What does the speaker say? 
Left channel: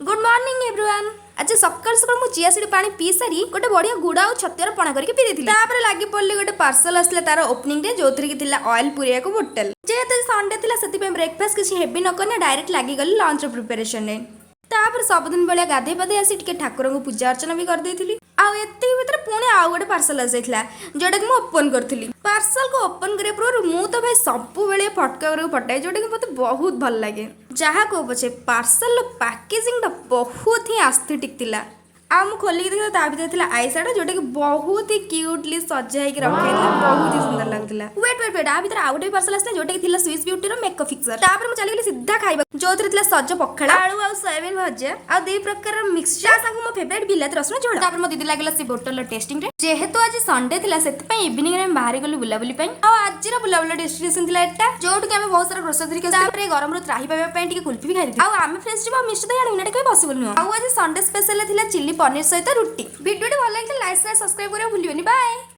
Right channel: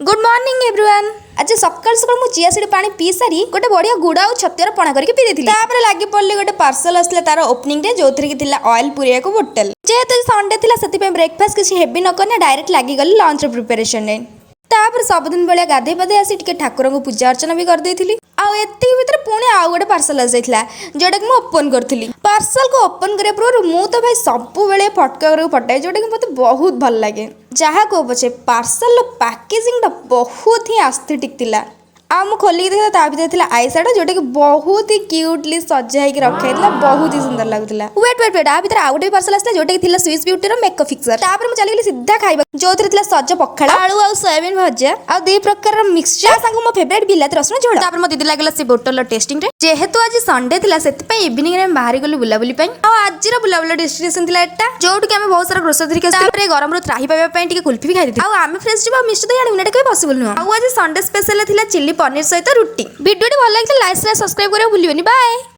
Good morning everyone. आज सकाल सकाल मु चिया सीड पानी पी सारी गोटे बढ़िया गुड़ा और छतियार पणा करके पी देती। तापर लगी पड़ली गोटे पार्सल आसला तार ओपनिंग रे जो थी ऑयल पुरिया को बोतल। जेहेतु संडे थिला सेति ब्रेकफास्ट किसी हेवी न करने डायरेक्ट लगी गली लंच प्रिपरेशन रे। तापर सबदिन बेले गाधे पाधे आसी टिके ठाकुर को पूजा अर्चना भी कर देथिली। आउ एति भीतर पुणी आउ गोटे पार्सल आसी जाइथिला जोटा कि मु ओपन करथिली। पार्सल को ओपन करे पूर्व मु तो भाई सब बेले फटका करके फटाए जोटा कि मते बहुत भल लागे। जहाँ को पछे पार्सल पैकेजिंग बहुत ही आस्थेटिक थिला। आ मु खोली देखा ता भीतर थिला आई शैडो जोटा कि बहुत ही क्यूटली सजाई के रखा था, बहुत ही सुंदर लागुला। वेट आ भीतर आउ गोटे पार्सल आसला जोटा कि थिला स्विस ब्यूटी रो मेकअप फिक्सर। तापर मु चली गेली सीधा खाइबा जोथरे थिला सज पखाड़ा आलू आ सोयाबीन भजा आ दे प्रकार रो मिक्सचर संग मो फेवरेट बिलाती रसुन झोड़। तापर मो दीदी लागला से बोतल टेस्टिंग रे। जेहेतु आज संडे थिला सेति पई इवनिंग रे बाहर गलु बुलाबुली पई। आ आज रो बुलाबुली डेस्टिनेशन थिला एटा जोट कि हम बहुत सारा ग्रोसरी के तापर गरम रो त्राही पाइबा पई टिके कुल्फी भी खाइ दिथि। आ आमे फ्रेश जिबा मिस्ट दे आनी उनेटा के पॉसिबल न। आ आज संडे स्पेशल थिला चिल्ली पनीर सहित रुटी। वीडियो भल लगे लाइक सब्सक्राइब करियो भूलिबेनी। बाय।